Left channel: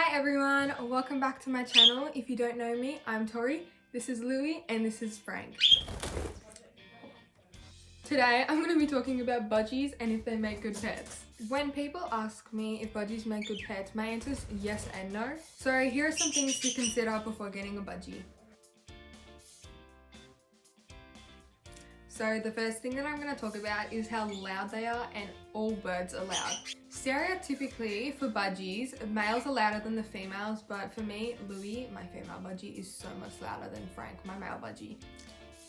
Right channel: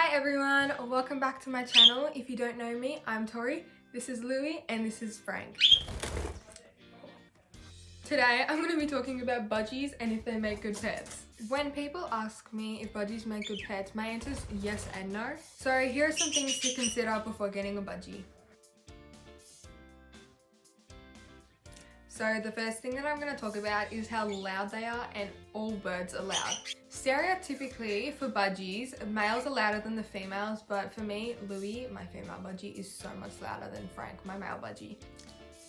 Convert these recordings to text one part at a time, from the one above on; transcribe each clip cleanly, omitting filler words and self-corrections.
Hi everyone, welcome back to my channel. If you don't know me, I'm Tori, this is Louie, and this is Frank. Today I'm going to be talking about budgies and if they make good pets. When people ask me if budgies make good pets, my answer is yes and no. So here are some things to consider before getting a budgie. So the first thing that I'm going to talk about is how loud they are, and all birds are loud. Stereotypically for budgies, males are louder than the females, but for me, Louie, my female budgie, is so much louder than Frank, my male budgie.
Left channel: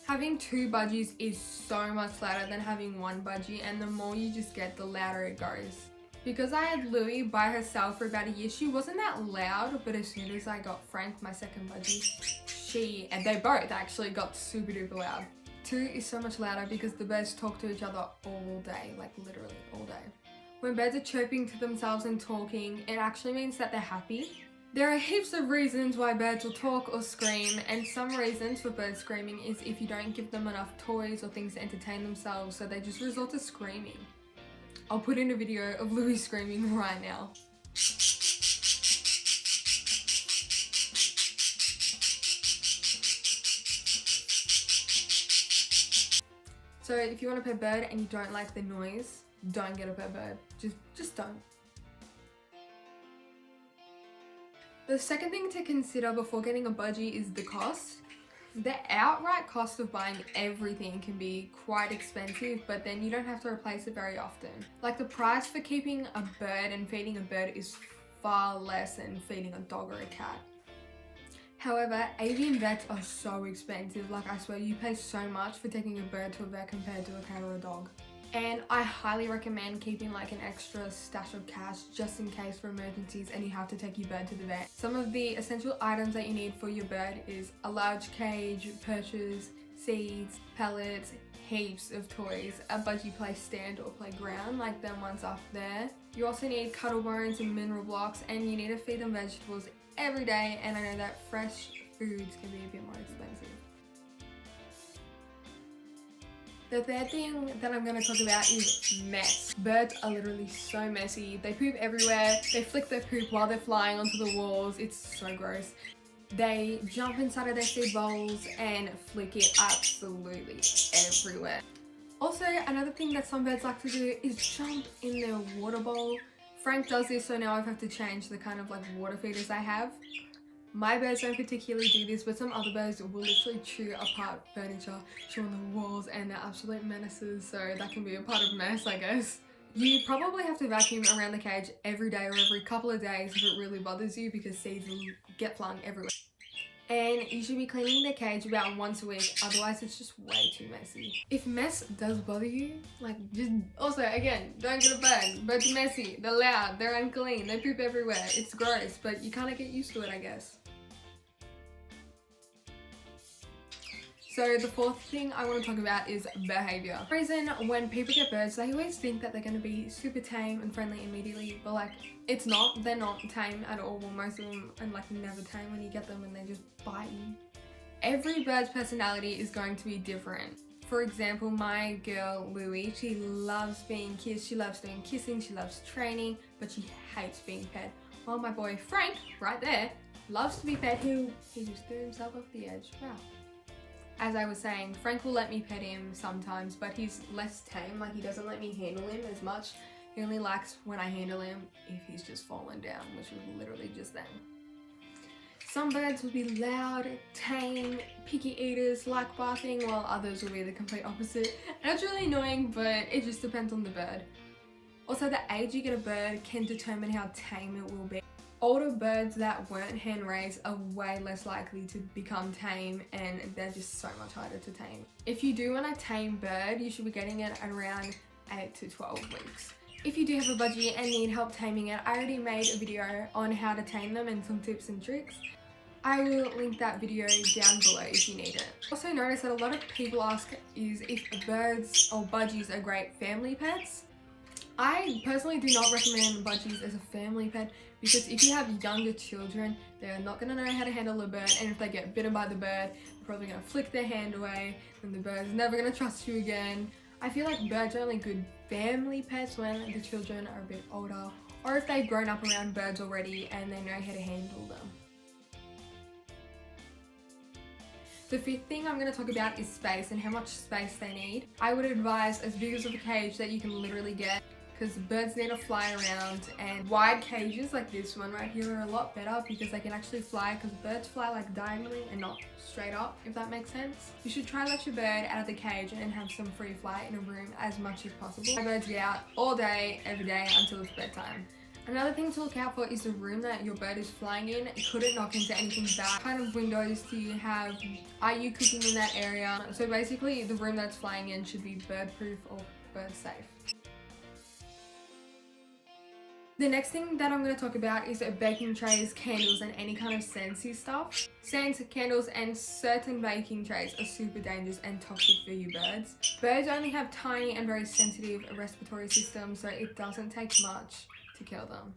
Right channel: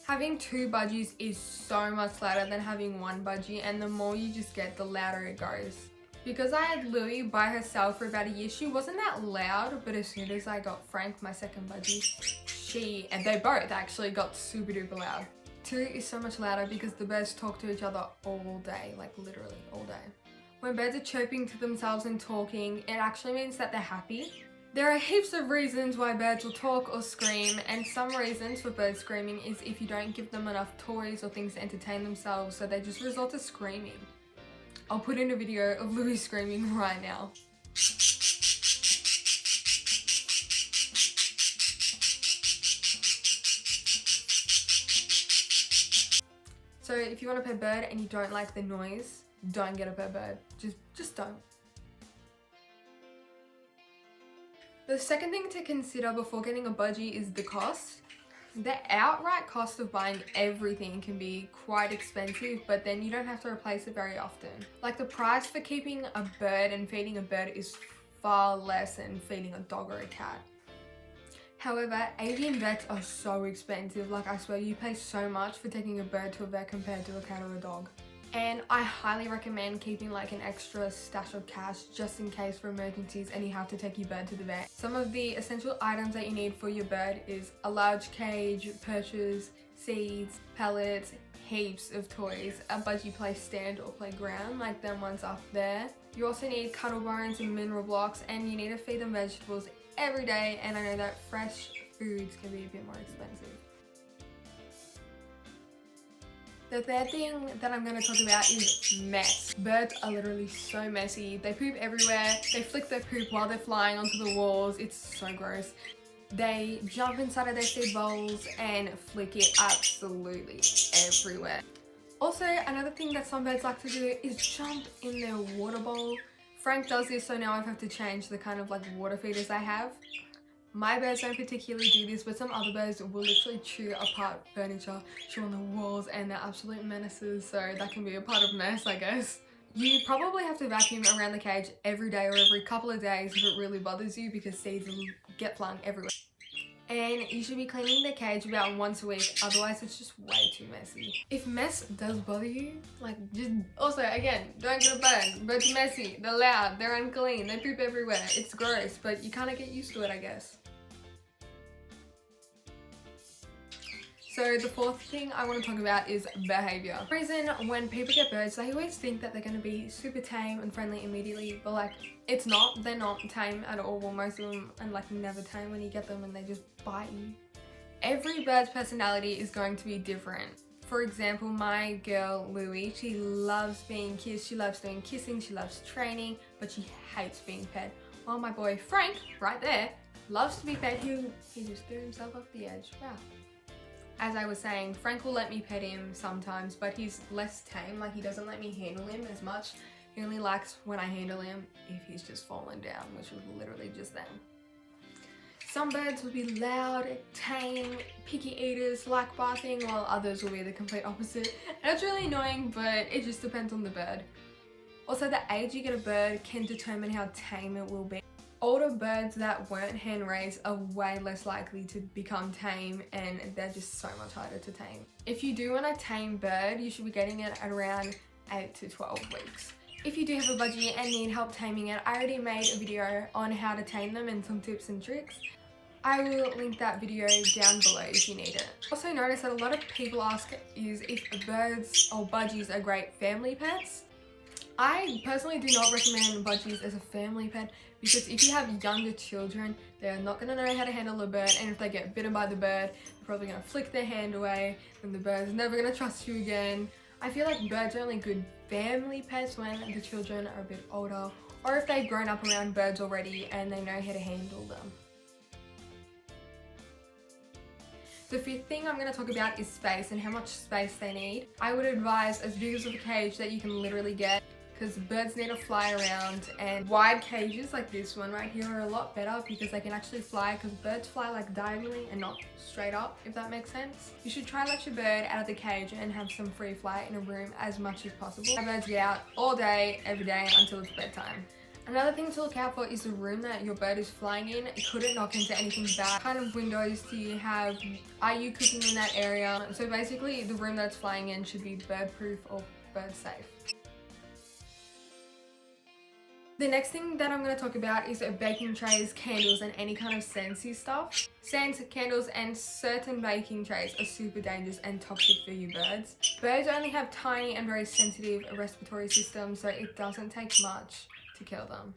Having two budgies is so much louder than having one budgie, and the more you just get, the louder it goes. Because I had Louie by herself for about a year, she wasn't that loud, but as soon as I got Frank, my second budgie, and they both actually got super duper loud. Two is so much louder because the birds talk to each other all day, like literally all day. When birds are chirping to themselves and talking, it actually means that they're happy. There are heaps of reasons why birds will talk or scream, and some reasons for birds screaming is if you don't give them enough toys or things to entertain themselves, so they just resort to screaming. I'll put in a video of Louie screaming right now. So if you want a pet bird and you don't like the noise, don't get a pet bird. Just don't. The second thing to consider before getting a budgie is the cost. The outright cost of buying everything can be quite expensive, but then you don't have to replace it very often. Like the price for keeping a bird and feeding a bird is far less than feeding a dog or a cat. However, avian vets are so expensive. Like I swear you pay so much for taking a bird to a vet compared to a cat or a dog. And I highly recommend keeping like an extra stash of cash just in case for emergencies and you have to take your bird to the vet. Some of the essential items that you need for your bird is a large cage, perches, seeds, pellets, heaps of toys, a budgie play stand or playground like them ones up there. You also need cuddle bones and mineral blocks, and you need to feed them vegetables every day, and I know that fresh foods can be a bit more expensive. The third thing that I'm going to talk about is mess. Birds are literally so messy. They poop everywhere. They flick their poop while they're flying onto the walls. It's so gross. They jump inside of their feed bowls and flick it absolutely everywhere. Also, another thing that some birds like to do is jump in their water bowl. Frank does this, so now I have to change the kind of like water feeders I have. My birds don't particularly do this, but some other birds will literally chew apart furniture, chew on the walls, and they're absolute menaces, so that can be a part of mess, I guess. You probably have to vacuum around the cage every day or every couple of days if it really bothers you, because seeds will get flung everywhere. And you should be cleaning the cage about once a week, otherwise it's just way too messy. If mess does bother you, like just, also again, don't get a bird. Birds are messy, they're loud, they're unclean, they poop everywhere, it's gross, but you kind of get used to it, I guess. So the fourth thing I want to talk about is behavior. The reason when people get birds, they always think that they're going to be super tame and friendly immediately, but like it's not. They're not tame at all. Well, most of them are like never tame when you get them and they just bite you. Every bird's personality is going to be different. For example, my girl Louie, she loves being kissed, she loves doing kissing, she loves training, but she hates being pet. While my boy Frank, right there, loves to be pet. He just threw himself off the edge. Wow. As I was saying, Frank will let me pet him sometimes, but he's less tame. Like he doesn't let me handle him as much. He only likes when I handle him if he's just fallen down, which was literally just then. Some birds will be loud, tame, picky eaters, like barking, while others will be the complete opposite. And it's really annoying, but it just depends on the bird. Also, the age you get a bird can determine how tame it will be. Older birds that weren't hand raised are way less likely to become tame, and they're just so much harder to tame. If you do want a tame bird, you should be getting it at around 8 to 12 weeks. If you do have a budgie and need help taming it, I already made a video on how to tame them and some tips and tricks. I will link that video down below if you need it. Also notice that a lot of people ask is if birds or budgies are great family pets. I personally do not recommend budgies as a family pet, because if you have younger children, they're not going to know how to handle a bird, and if they get bitten by the bird, they're probably going to flick their hand away, and the bird's never going to trust you again. I feel like birds are only good family pets when the children are a bit older or if they've grown up around birds already and they know how to handle them. The fifth thing I'm going to talk about is space and how much space they need. I would advise as big as of a cage that you can literally get, because birds need to fly around, and wide cages like this one right here are a lot better because they can actually fly, because birds fly like diagonally and not straight up, if that makes sense. You should try and let your bird out of the cage and have some free flight in a room as much as possible. My birds get out all day, every day until it's bedtime. Another thing to look out for is the room that your bird is flying in. It couldn't knock into anything bad. What kind of windows do you have? Are you cooking in that area? So basically the room that it's flying in should be bird proof or bird safe. The next thing that I'm going to talk about is baking trays, candles and any kind of scentsy stuff. Scents, candles and certain baking trays are super dangerous and toxic for you birds. Birds only have tiny and very sensitive respiratory systems, so it doesn't take much to kill them.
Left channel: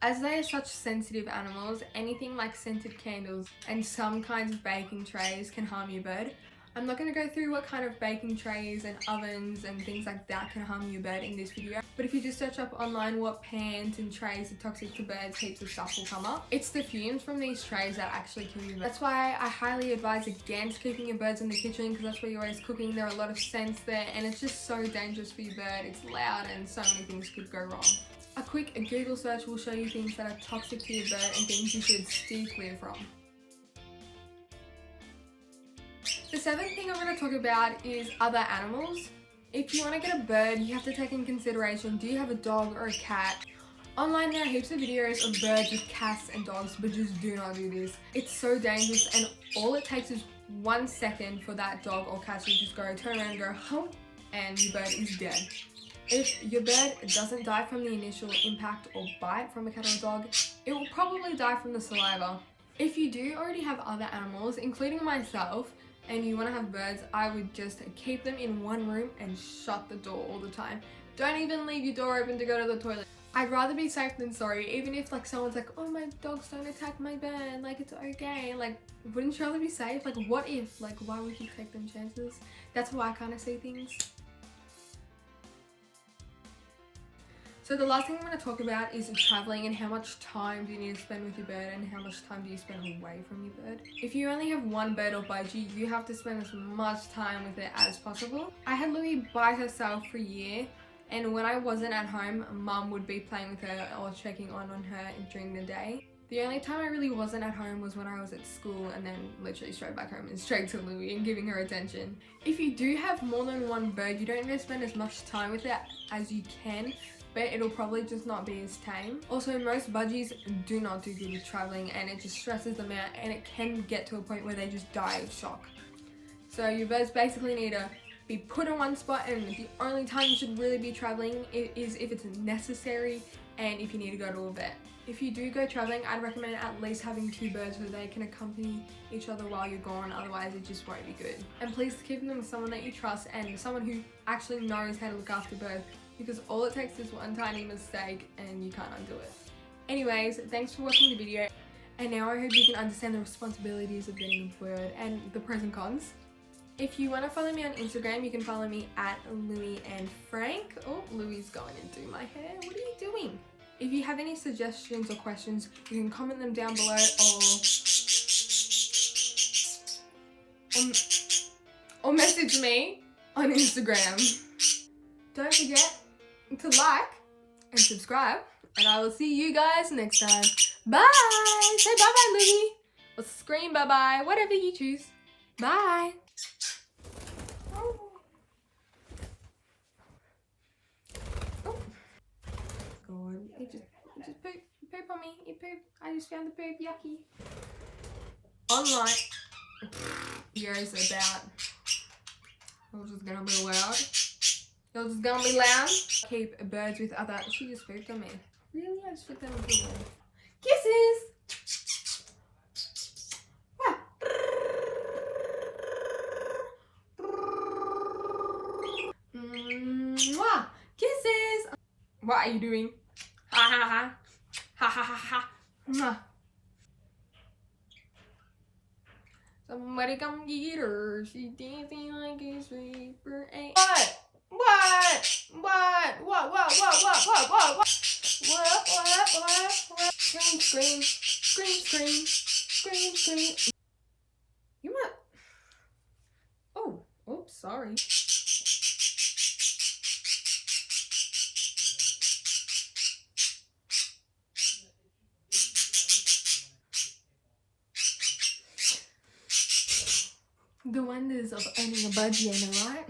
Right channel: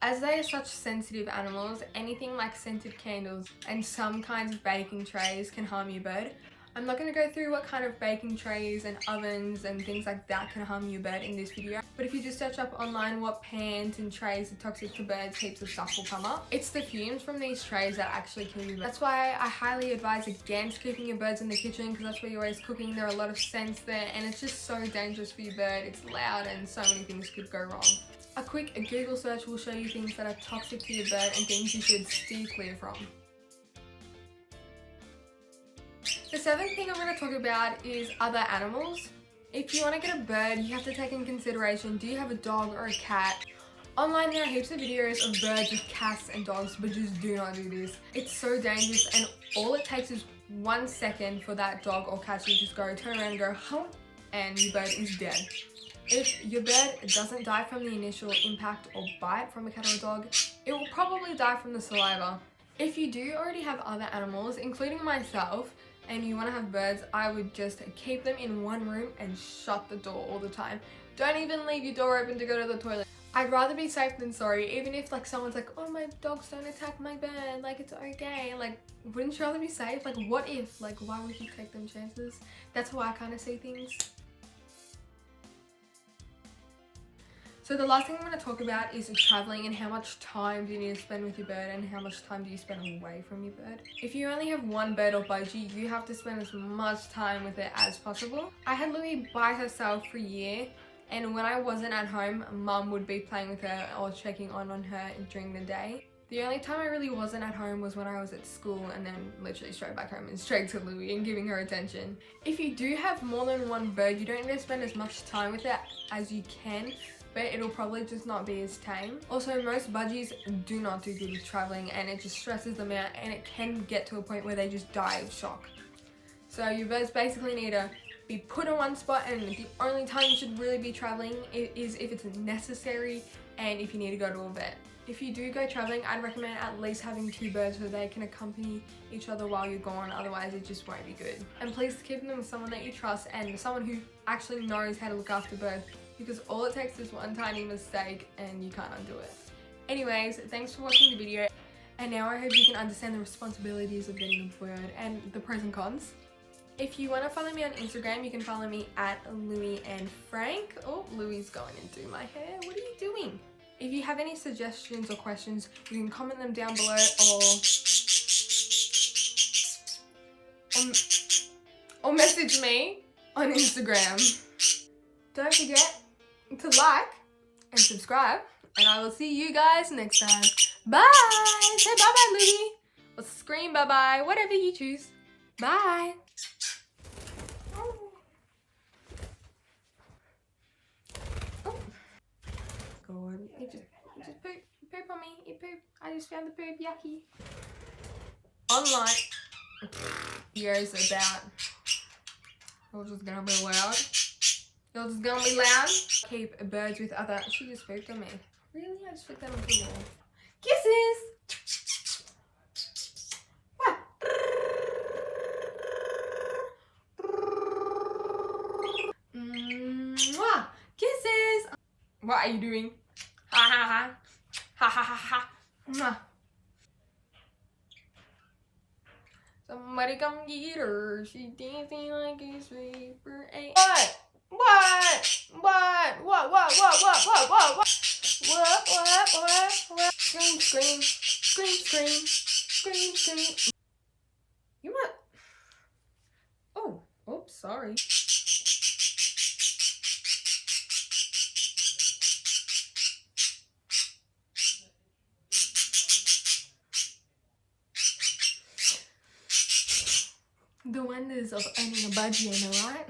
As they are such sensitive animals, anything like scented candles and some kinds of baking trays can harm your bird. I'm not going to go through what kind of baking trays and ovens and things like that can harm your bird in this video, but if you just search up online what pans and trays are toxic to birds, heaps of stuff will come up. It's the fumes from these trays that actually kill your bird. That's why I highly advise against keeping your birds in the kitchen, because that's where you're always cooking. There are a lot of scents there and it's just so dangerous for your bird. It's loud and so many things could go wrong. A quick Google search will show you things that are toxic to your bird and things you should steer clear from. The seventh thing I'm going to talk about is other animals. If you want to get a bird, you have to take in consideration, do you have a dog or a cat? Online there are heaps of videos of birds with cats and dogs, but just do not do this. It's so dangerous, and all it takes is 1 second for that dog or cat to just go turn around and go hump, and your bird is dead. If your bird doesn't die from the initial impact or bite from a cat or a dog, it will probably die from the saliva. If you do already have other animals, including myself, and you want to have birds, I would just keep them in one room and shut the door all the time. Don't even leave your door open to go to the toilet. I'd rather be safe than sorry, even if like someone's like, oh, my dogs don't attack my bird, like it's okay. Like, wouldn't you rather be safe? Like, what if? Like, why would you take them chances? That's how I kind of see things. So the last thing I'm going to talk about is traveling and how much time do you need to spend with your bird and how much time do you spend away from your bird. If you only have one bird or budgie, you have to spend as much time with it as possible. I had Louie by herself for a year, and when I wasn't at home, mum would be playing with her or checking on her during the day. The only time I really wasn't at home was when I was at school, and then literally straight back home and straight to Louie and giving her attention. If you do have more than one bird, you don't need to spend as much time with it as you can, but it'll probably just not be as tame. Also, most budgies do not do good with traveling, and it just stresses them out, and it can get to a point where they just die of shock. So your birds basically need to be put in one spot, and the only time you should really be traveling is if it's necessary and if you need to go to a vet. If you do go traveling, I'd recommend at least having 2 birds so they can accompany each other while you're gone, otherwise it just won't be good. And please keep them with someone that you trust and someone who actually knows how to look after birds, because all it takes is one tiny mistake and you can't undo it. Anyways, thanks for watching the video, and now I hope you can understand the responsibilities of getting a bird and the pros and cons. If you want to follow me on Instagram, you can follow me at Louie and Frank. Oh, Louie's going to do my hair. What are you doing? If you have any suggestions or questions, you can comment them down below or message me on Instagram. Don't forget to like and subscribe, and I will see you guys next time. Bye! Say bye-bye, Louie. Or scream bye-bye, whatever you choose. Bye! God, you just poop on me. You poop. I just found the poop. Yucky. Online videos about you're just gonna be loud. You're just gonna be loud. Keep birds with other. She just pooped on me. Really? I just flicked that on the wall. Kisses. Mwah. Kisses. What are you doing? Ha ha ha. Ha ha ha ha. Mwah. Somebody come get her. She's dancing like a sweet for a. What? What? Scream, scream, scream, scream, scream, scream. You might. Oh, oops, sorry. The wonders of owning a budgie, I know, right?